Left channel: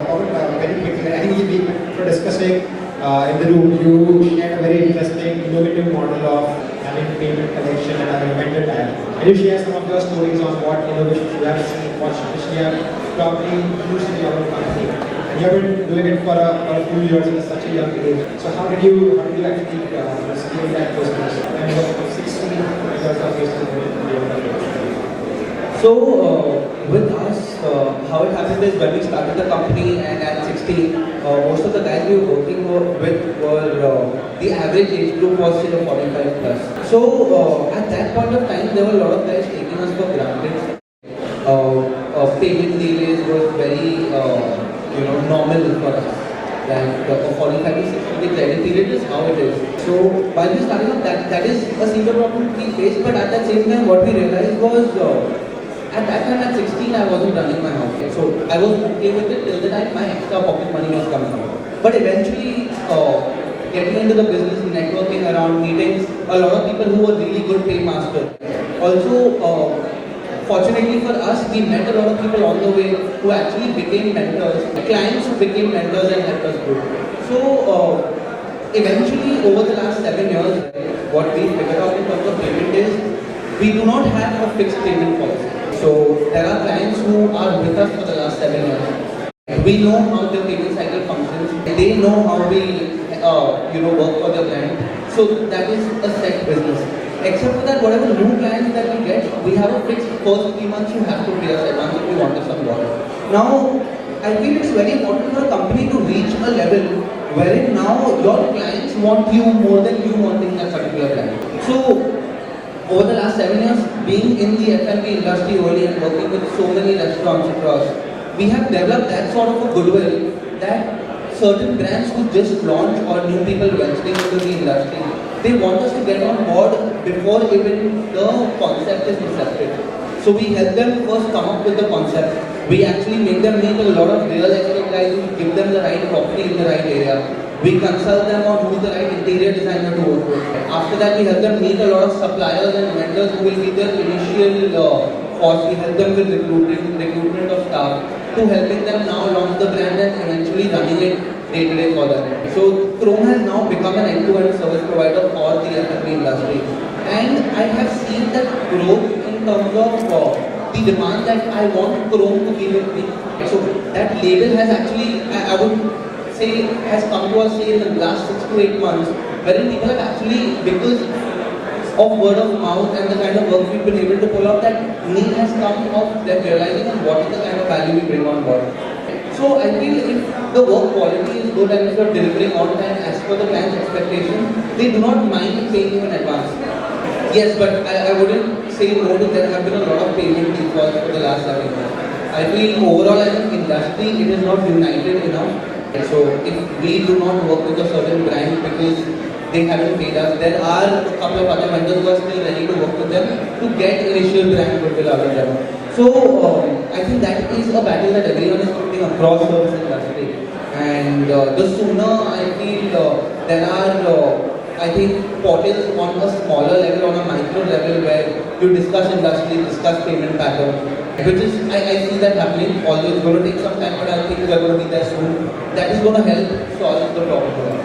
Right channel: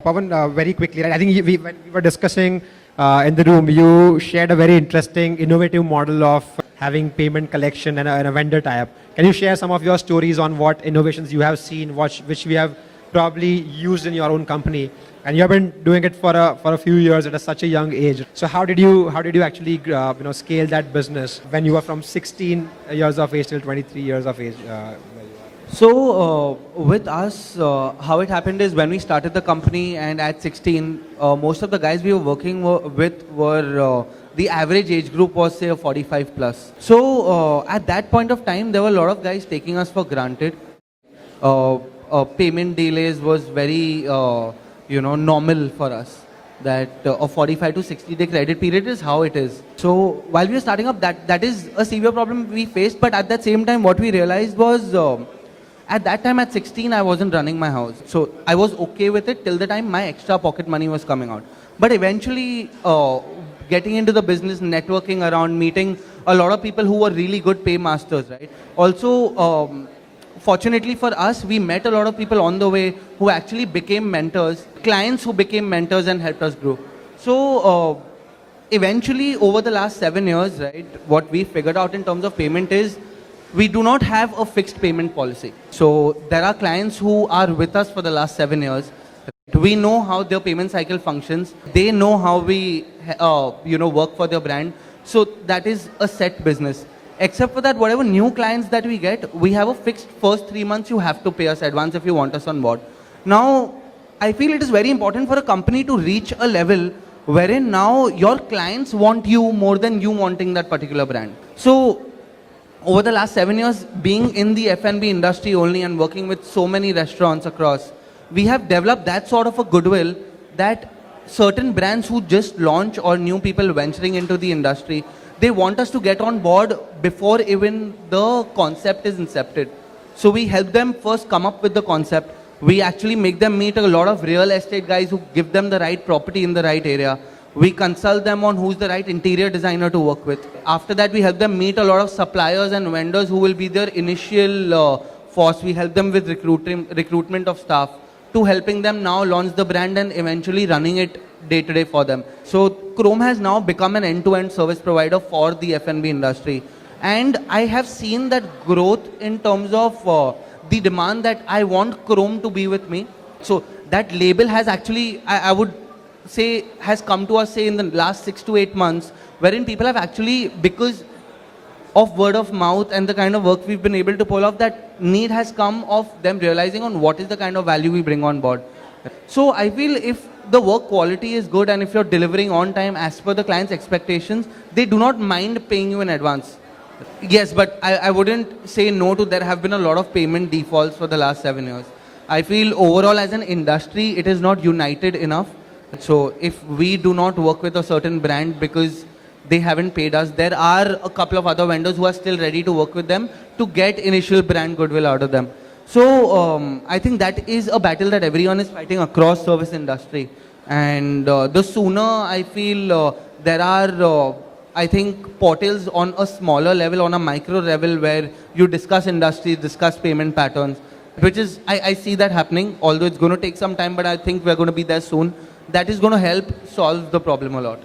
Pawan, very quickly, I think we were discussing in the room, you shared a very interesting, innovative model of having payment collection and a vendor tie-up. Can you share some of your stories on what innovations you have seen, which we have probably used in your own company? And you have been doing it for a few years at such a young age. So how did you actually scale that business when you were from 16 years of age to 23 years of age? So with us, how it happened is when we started the company and at 16, most of the guys we were working with were, the average age group was say 45 plus. So at that point of time, there were a lot of guys taking us for granted. Payment delays was very, normal for us. That a 45 to 60 day credit period is how it is. So while we were starting up, that is a severe problem we faced. But at that same time, what we realized was, at that time at 16, I wasn't running my house. So I was okay with it till the time my extra pocket money was coming on. But eventually, getting into the business, networking around, meeting a lot of people who were really good paymasters. Also, fortunately for us, we met a lot of people on the way who actually became mentors, clients who became mentors and helped us grow. So eventually, over the last 7 years, right, what we figured out in terms of payment is we do not have a fixed payment policy. So there are clients who are with us for the last 7 years. We know how their payment cycle functions. They know how we, work for their brand. So that is a set business. Except for that, whatever new clients that we get, we have a fixed first 3 months you have to pay us advance if you want us on board. Now, I feel it is very important for a company to reach a level wherein now your clients want you more than you wanting that particular brand. So, over the last 7 years, being in the F&B industry only and working with so many restaurants across, we have developed that sort of a goodwill that certain brands who just launch or new people venturing into the industry, they want us to get on board before even the concept is incepted. So we help them first come up with the concept. We actually make them meet a lot of real estate guys who give them the right property in the right area. We consult them on who's the right interior designer to work with. After that, we help them meet a lot of suppliers and vendors who will be their initial force. We help them with recruitment of staff to helping them now launch the brand and eventually running it day to day for them. So Chrome has now become an end-to-end service provider for the F&B industry. And I have seen that growth in terms of the demand that I want Chrome to be with me. So that label has actually, I would say, has come to us say in the last 6 to 8 months, wherein people have actually, because of word of mouth and the kind of work we've been able to pull off, that need has come of them realizing on what is the kind of value we bring on board. So I feel if the work quality is good and if you're delivering on time as per the client's expectations, they do not mind paying you in advance. Yes, but I wouldn't say no to there have been a lot of payment defaults for the last 7 years. I feel overall as an industry, it is not united enough. So if we do not work with a certain brand because they haven't paid us, there are a couple of other vendors who are still ready to work with them to get initial brand goodwill out of them. So I think that is a battle that everyone is fighting across service industry. And the sooner I feel there are, I think, portals on a smaller level, on a micro level where you discuss industry, discuss payment patterns, which is, I see that happening, although it's going to take some time, but I think we're going to be there soon. That is going to help solve the problem a lot.